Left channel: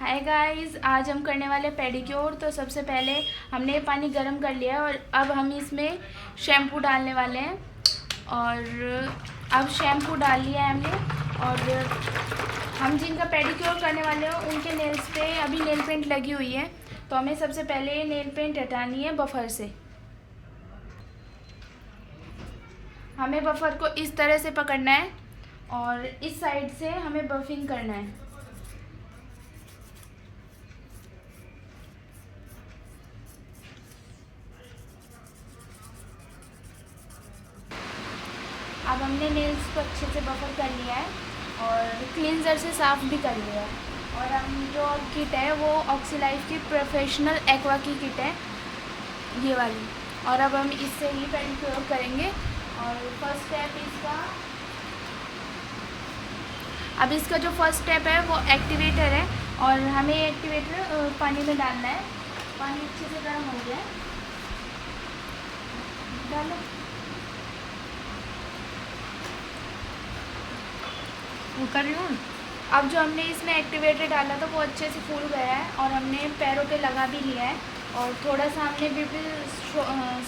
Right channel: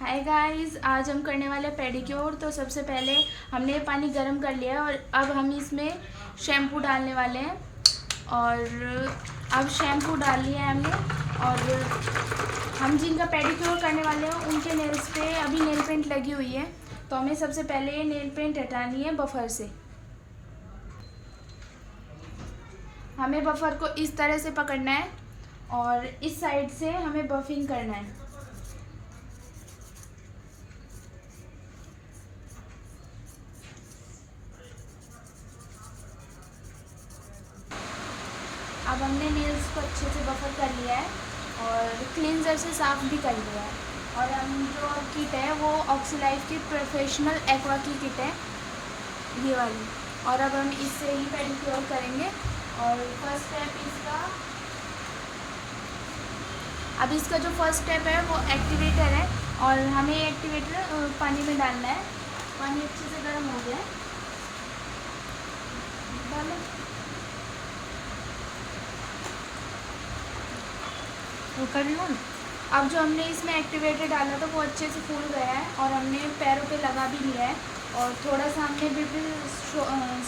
Hi guys, आज हम करने वाले पेडिक्योर। तो सबसे पहले हमने ये पानी गर्म कर लिया है और अब हम इसमें शैम्पू डालने वाले हैं। और अब शैम्पू डाल लिया है हमने। और हम जिनका पेडिक्योर करने वाले हैं उनके नेल्स पे अभी नेल पेंट लगी हुई है, तो हमें सबसे पहले ये नेल पेंट हटानी है बफर से। हमें बफर को इस तरह से पकड़ना है और इस साइड से हमें बफिंग करना है। अब हमने नेल्स को अच्छे से बफर कर लिया है और क्लींजर से साफ़ भी कर लिया है। और हम जो किट है वो ऑक्सीलाइफ की प्रोफेशनल एक्वा की किट है, ये वाली। और अब हम इससे ही पेडिक्योर करेंगे। और फर्स्ट स्टेप इसका जो फर्स्ट स्टेप है वो एक्टिवेटर है। और हमें एक्टिवेटर पानी में डालना है। पानी अच्छे से गर्म हो गया है, डालो। कर लूँ। अब जो हमने इसमें एक्टिवेटर डाला था वो अच्छे से फूल गया है और हमने पैरों पे लगा भी लिया है। और थोड़ा सा हमने भी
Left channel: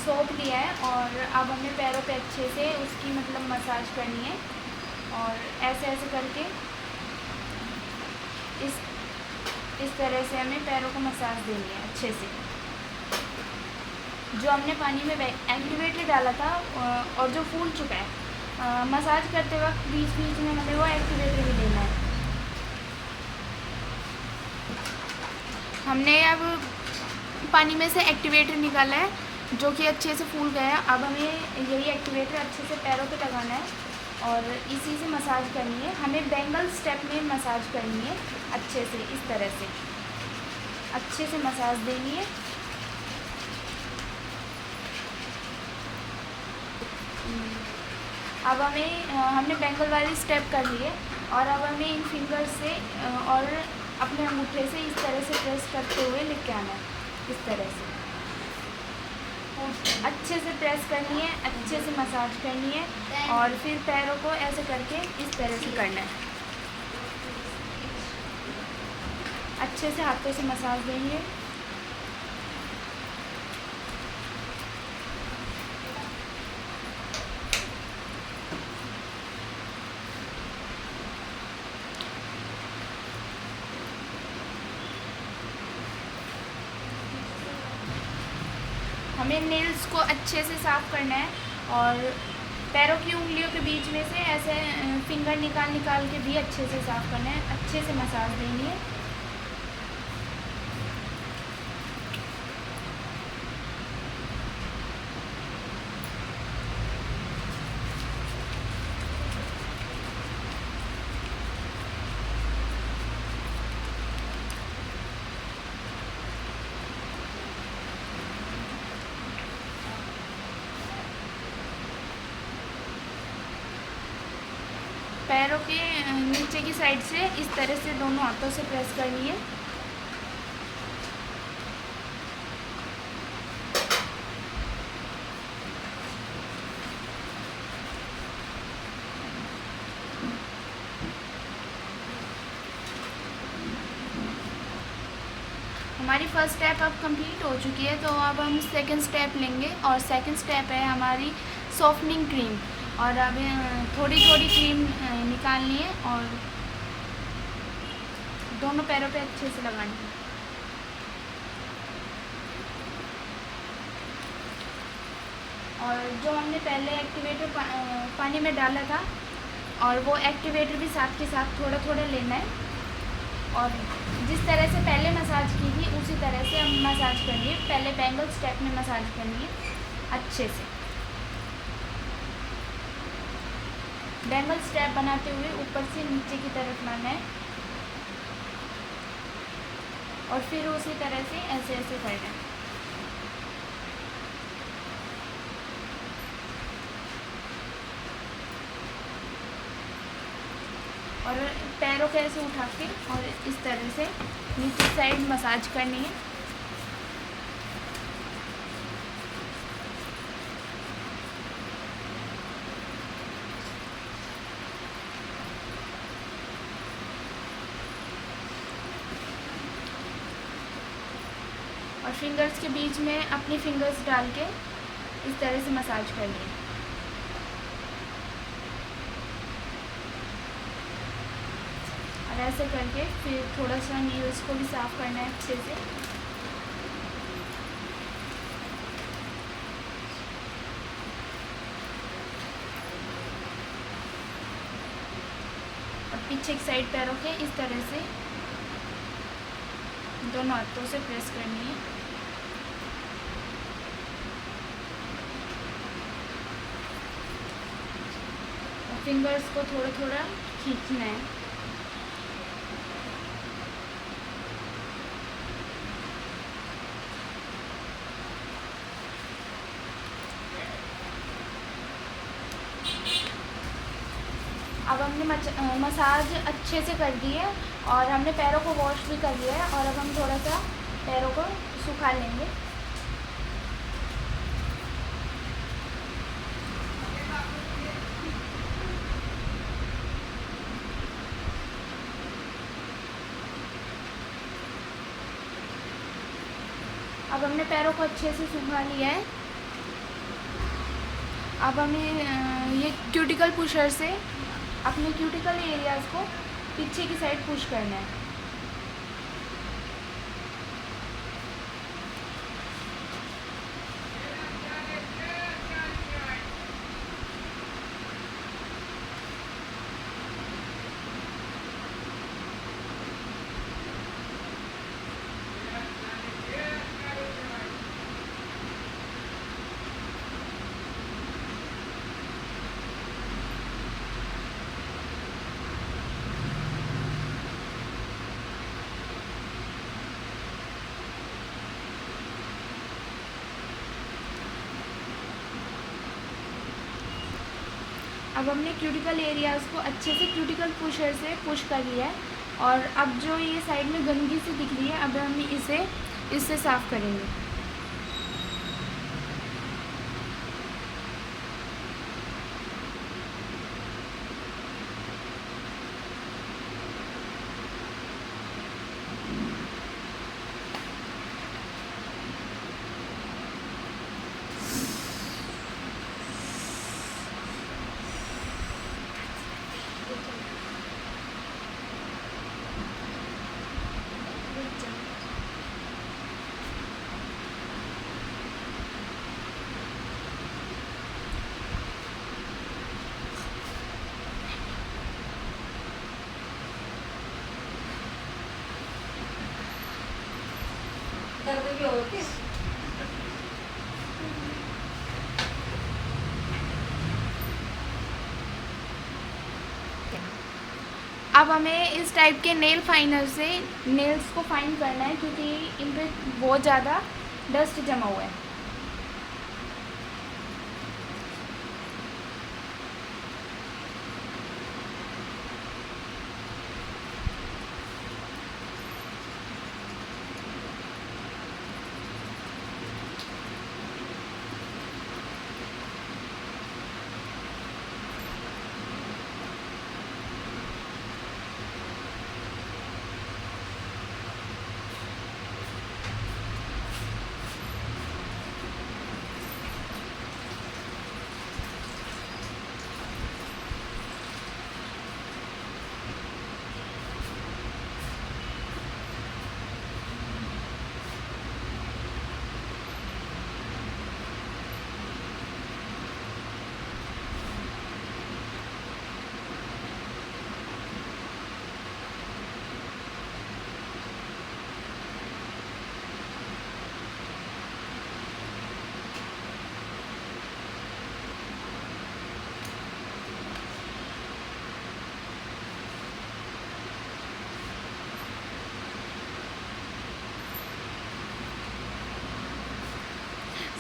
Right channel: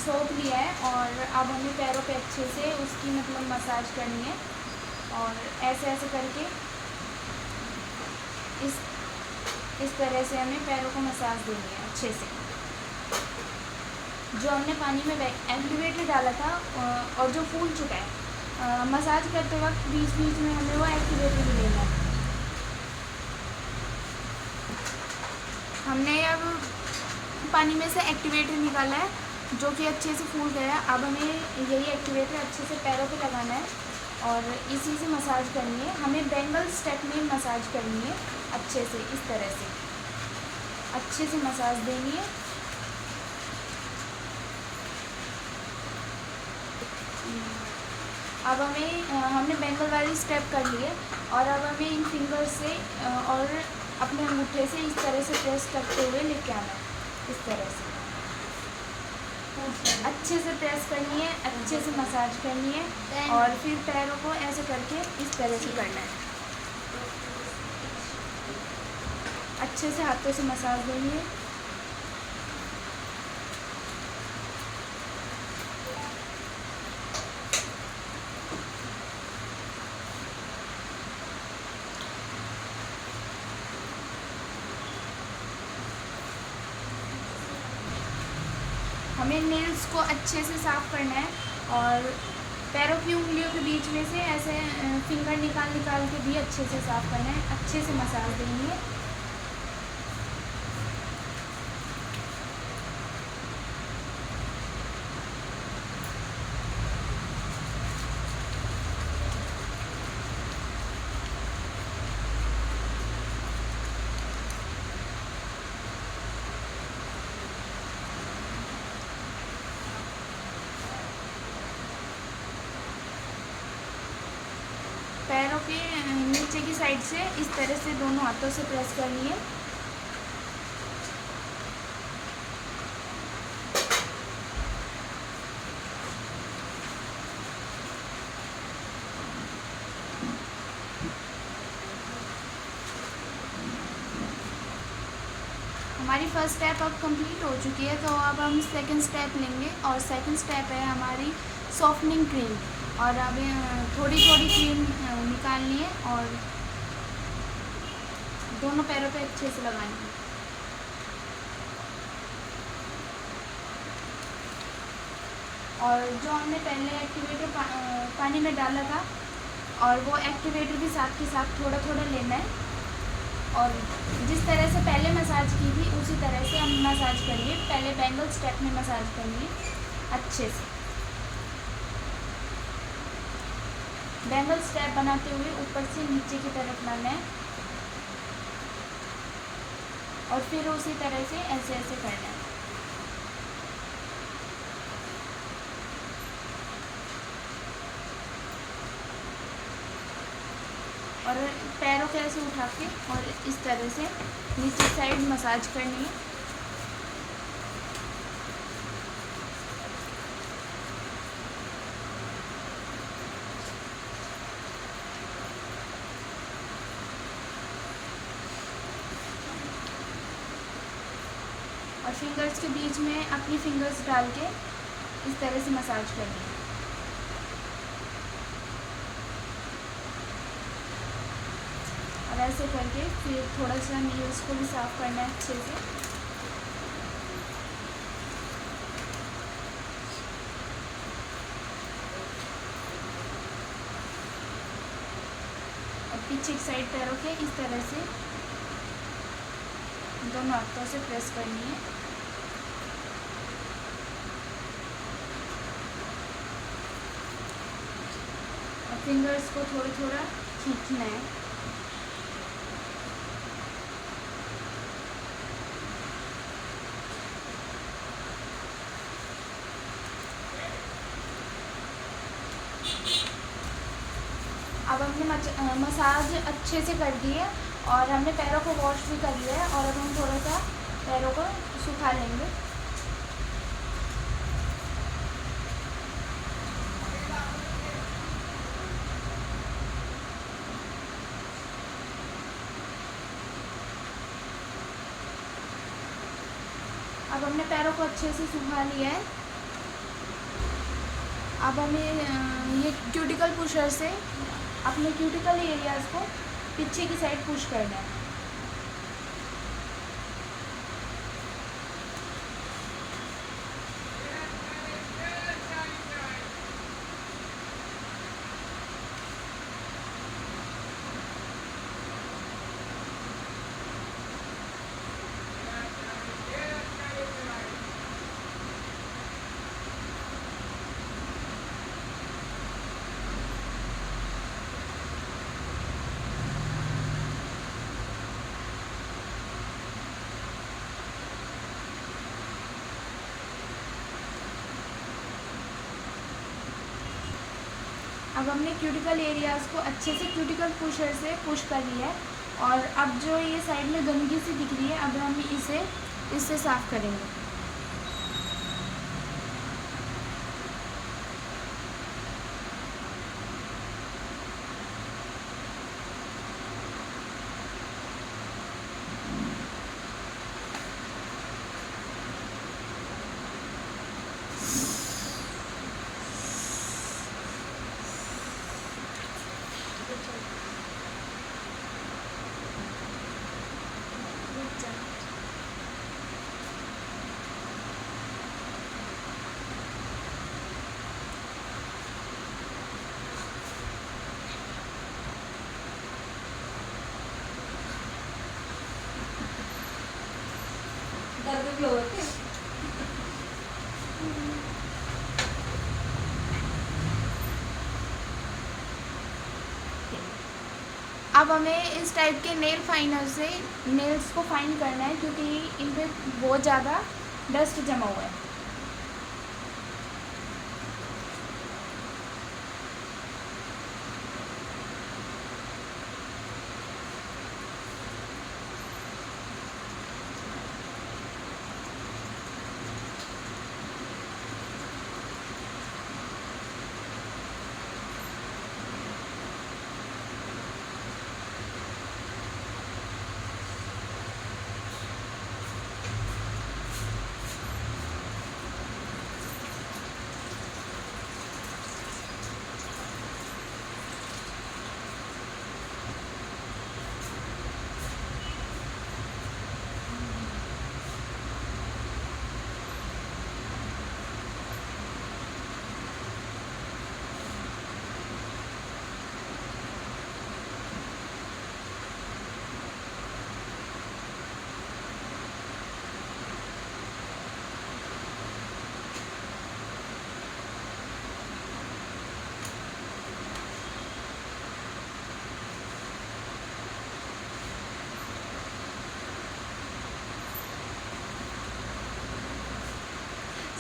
सोप लिया है और अब हमें पैरों पे अच्छे से उसकी मसाज करनी है। और ऐसे ऐसे करके इस तरह से हमें पैरों को मसाज देनी है अच्छे से। जो हमने पानी में एक्टिवेटर डाला था और जो फूल चुका है, मसाज करते वक्त बीच बीच में हमें वो एक्टिवेटर भी देना है। हमने अब पानी में से एक्टिवेटर निकाला है जो कि अच्छे से फूल गया है। अब हमें यही एक्टिवेटर अच्छे से पैरों पे लगाना है और इसी से मसाज करनी है। हमें बेंगल स्टेप में मसाज करनी है अच्छे से, इस तरह से अच्छे से मसाज देनी है। अब हमने बेंगल वाली स्टेप कर लिए और अब हमें इन फिंगर से और अपने अंगूठे से इस तरह से प्रेस करते हुए लेके आना है। इस तरह से अच्छे से प्रेस करनी है, अच्छे से मसाज करनी है। और फिर पैरों को ऐसे करके इस तरह से करना है, अच्छे से हाथों से मसाज देनी है। हमें नेल्स को अच्छे से साफ़ करना है और पैरों की उंगलियों के बीच में से ऐसे फिंगर निकाल के भी अच्छे से साफ़ करना है, अच्छे से मसाज देनी है। पैरों के नीचे की साइड से इस तरह से दोनों हाथों से प्रेस करनी है। हमारी फर्स्ट स्टेप अब कंप्लीट हो चुकी है, तो अब हम सेकंड स्टेप लेंगे। और सेकंड स्टेप है हमारी सॉफ्टनिंग क्रीम। और अब थोड़ी थोड़ी क्रीम निकाल लिए और दोनों पैरों पे अच्छे से लगानी है। और जो हमने पहले एक्टिवेटर पानी में डाला था, और वो एक्टिवेटर भी साथ के साथ थोड़ा थोड़ा लेना है। और जिस तरह से पहले मसाज की थी उसी तरह से हम मसाज करिए। पहले बेंगल स्टेप में मसाज करनी है अच्छे से। बेंगल स्टेप बनाते हुए ऊपर से नीचे की तरफ लाना है और फिर उसी तरह से ऐसे ऐसे करना है। और पैरों को ऐसे उठा के और इस तरह से नीचे साइड मसाज करनी है। और फिंगर्स के बीच में अपनी फिंगर्स डाल के इस तरह से मसाज करनी है। और ऐसे करके फिर थोड़ा सा नेल्स को भी साफ़ करना है अच्छे से। और पीछे की साइड पैरों के इस तरह से दोनों हाथों से प्रेस करनी है। और फिंगर्स को थोड़ा थोड़ा खींचना है। अब हमने मसाज अच्छे से कर दी है और हमने पैरों को वॉश भी कर लिया है। और अब हम थोड़ा सा पैरों को सुखा लेंगे। अब हमने पैरों को अच्छे से सुखा लिया है। अब हमें ये क्यूटिकल पुशर से अपने क्यूटिकल एरियाज़ को पीछे की साइड पुश करना है। अब हमने क्यूटिकल एरियाज़ को अच्छे से क्यूटिकल पुशर से पुश कर लिया है। और अब जो ये साइड में गंदगी सी दिख रही है, अब हम इससे साफ़ करेंगे। दर्द भी होते हैं। अब हमें इस टाइप के नेल फाइनर से नेल्स को फाइन करना है, क्योंकि इन पे बहुत ज़्यादा डस्ट जमा हुआ है।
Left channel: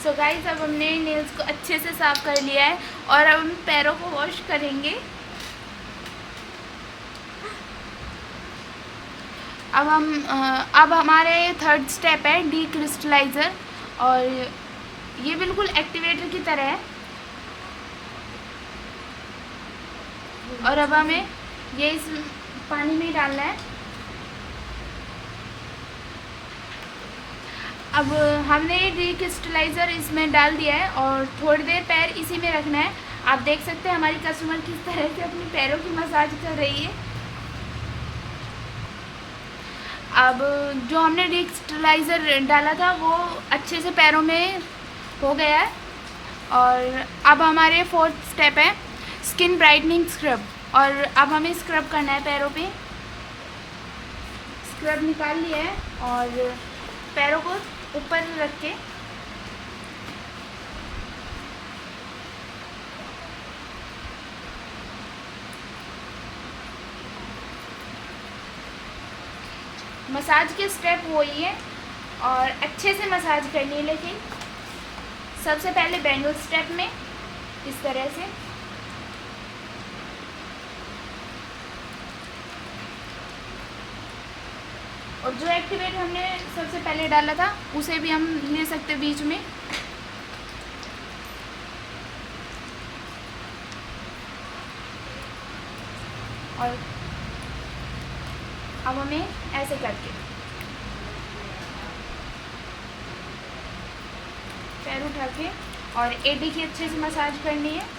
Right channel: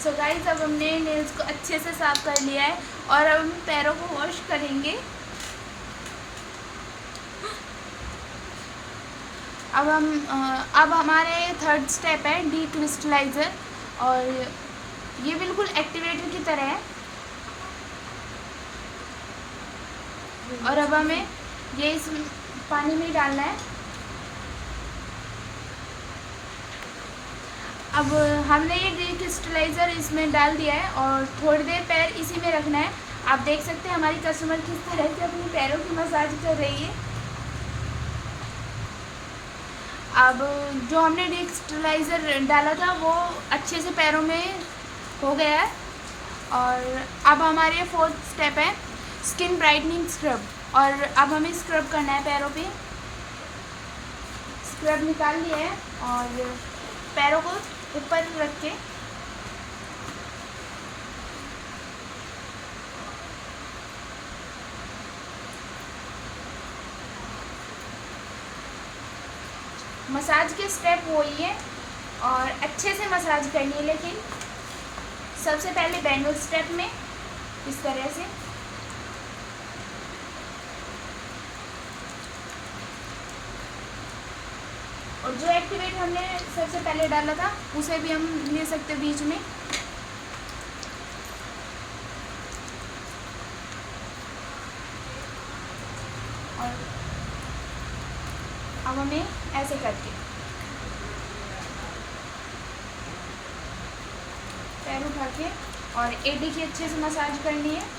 सो गाइस, अब हमने नेल्स को अच्छे से साफ़ कर लिया है और अब हम पैरों को वॉश करेंगे। अब हमारे थर्ड स्टेप है डी क्रिस्टलाइज़र, और ये बिल्कुल एक्टिवेटर की तरह है। और अब हमें ये इस पानी में डालना है। अब हमने डिक्रिस्टलाइज़र इसमें डाल दिया है और थोड़ी देर पैर इसी में रखना है। आप देख सकते हैं हमारी कस्टमर किस तरह से अपने पैरों की मसाज कर रही है। अब जो हमने डिक्रिस्टलाइज़र डाला था वो अच्छे से पैरों में हो गया है। और अब हमारे 4th स्टेप है स्किन ब्राइटनिंग स्क्रब। और अब हमें स्क्रब करना है पैरों पे। स्क्रब निकाल लिया है और पैरों को ऊपर रख के मसाज के स्टेप वही है और अच्छे से मसाज करनी है। लेकिन सबसे पहले बैंगल स्टेप में इस तरह से और जो एक्टिवेट हमने सबसे पहले डाला था उसे भी हम ले सकते बीच में। और अब हमें ऐसे करके पैर उठा के और एडी की अच्छे से मसाज करनी है।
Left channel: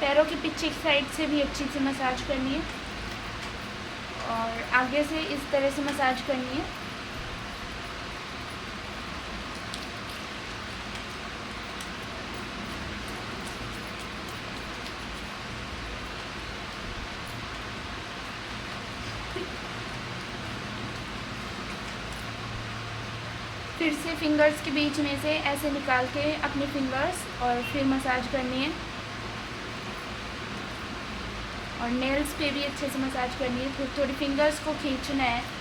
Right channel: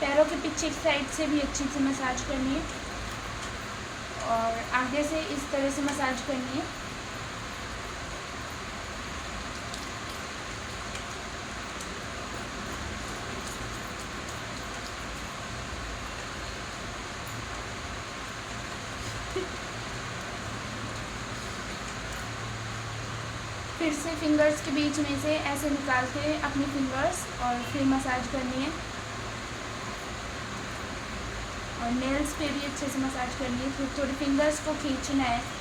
पैरों के पीछे की साइड से भी अच्छी से मसाज करनी है और आगे से इस तरह से मसाज करनी है। फिर से फिंगर्स के बीच में से ऐसे निकाल के अपनी फिंगर्स और फिर मसाज करनी है। और नेल्स पे भी अच्छे से मसाज करनी है। थोड़ी थोड़ी फिंगर्स को खींचना है।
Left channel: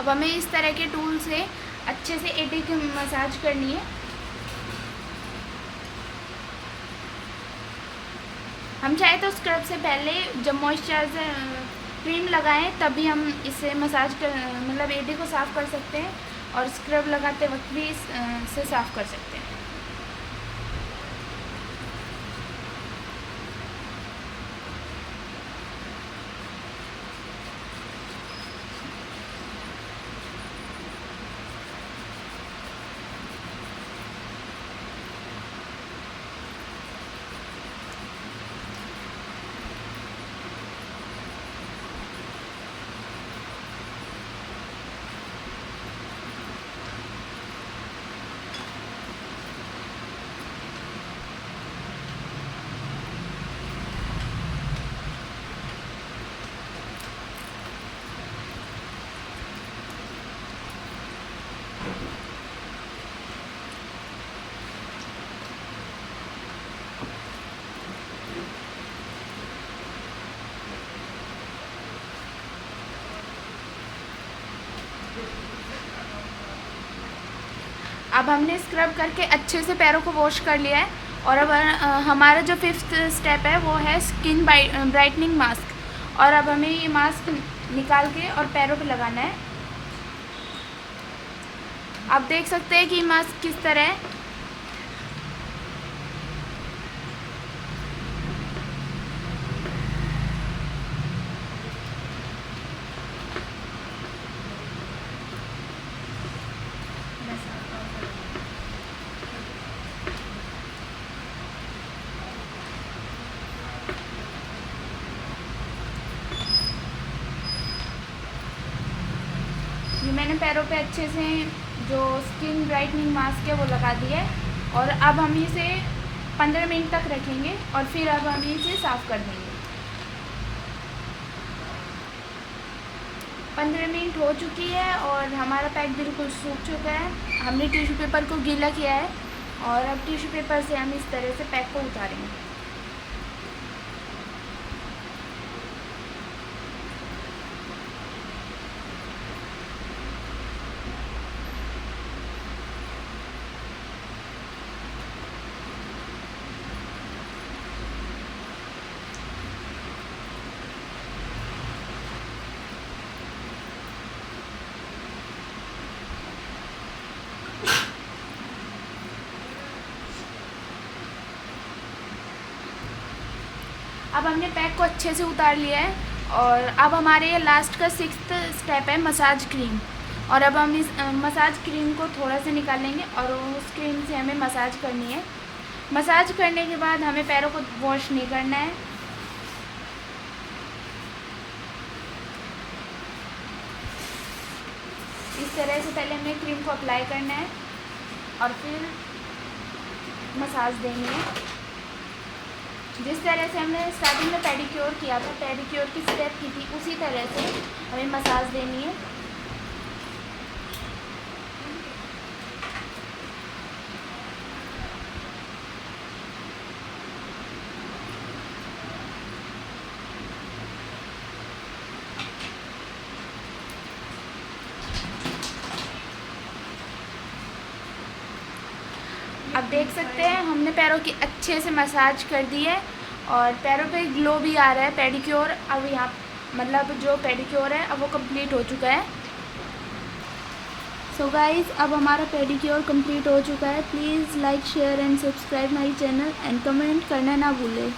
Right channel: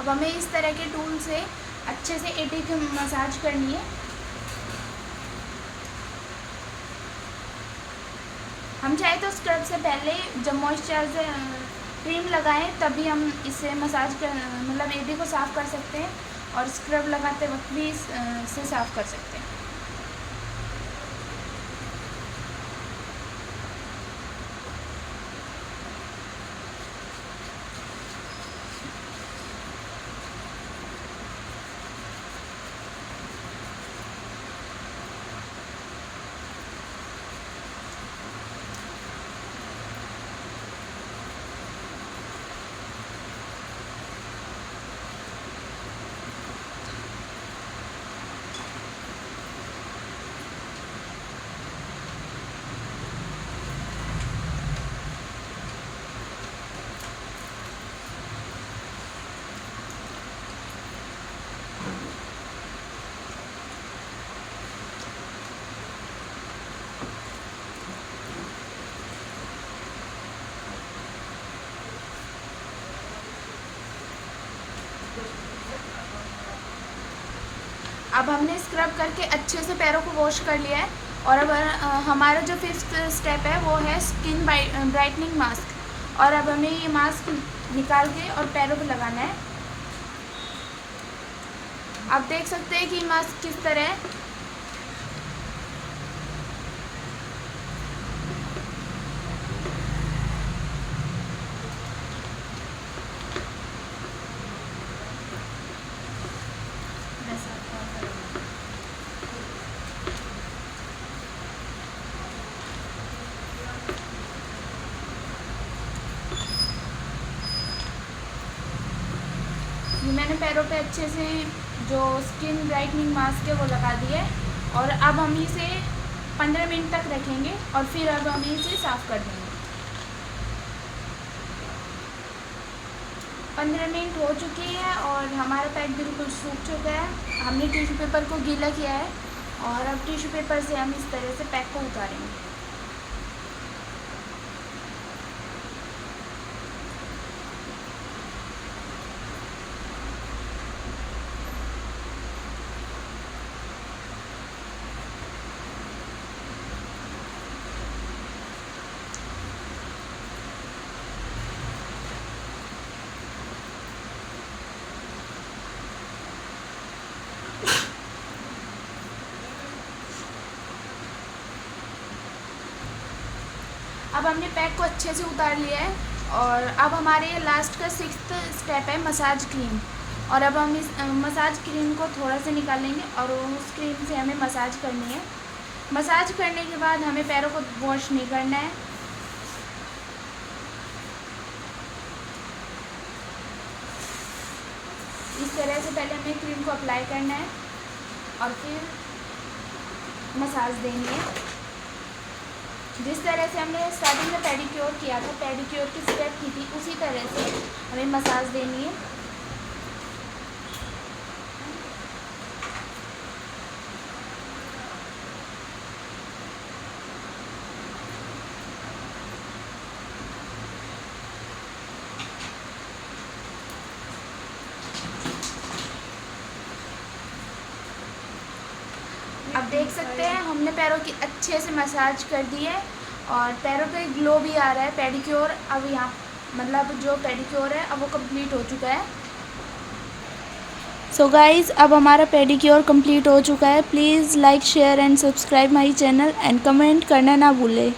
अब हमें इस तरह के टूल से अच्छे से एडी की मसाज करनी है। हम चाहे तो स्क्रब से पहले जब मॉइस्चराइजर क्रीम लगाएं तभी हम इसे मसाज कर मतलब एडी को साफ़ कर सकते हैं और स्क्रब लगाते वक्त भी इसे साफ़ कर सकते हैं। अब हमने स्क्रब करके अच्छे से पैरों को वॉश कर लिया है और अब हमारा जो 5th स्टेप है वो है स्किन ब्राइटनिंग मास्क। और अब हमें ये मास्क निकाल के और पैरों पे लगाना है। आप देख सकते हैं कि मास्क किस तरह है। मैंने पैरों पे अच्छे से जो स्किन ब्राइटनिंग मास्क है वो लगा दिया है और अब हम इसे 15 मिनट तक रखेंगे और फिर अब हम इसे साफ़ कर देंगे। 15 मिनट हो चुकी है और हमारा पैक बिल्कुल सूख चुका है। हमने टिश्यू पेपर को गीला किया है और अब टिश्यू पेपर से हम इस तरह से पैक को उतारेंगे। अब हमने पैक को अच्छे से उतार लिया है और अब हमारे ये लास्ट का 6th स्टेप है मसाज क्रीम। और अब हम इस मसाज क्रीम को थोड़ा सा निकालेंगे और उस क्रीम से हमें मसाज करनी है। मसाज करने के बाद हमें पैरों को वॉश नहीं करना है। इस तरह से पहले हमें क्रीम को अप्लाई करना है और फिर मसाज देनी है। जिस तरह से हमने स्टार्टिंग में पेडिक्योर किया था, पेडिक्योर की स्टेप की थी, उसी तरह से हमें मसाज देनी है। अब देख सकते हैं हमने पैरों की अच्छे से मसाज कर दी है और पैरों पे ग्लो भी आ रहा है। पेडिक्योर अब यहाँ मतलब जो पेडिक्योर है अब वो कंप्लीट हो चुका है। सो गाइज़, अब हमारा पेडिक्योर कंप्लीट हो चुका है। Please like, share and subscribe my channel and comment करना ना भूलें।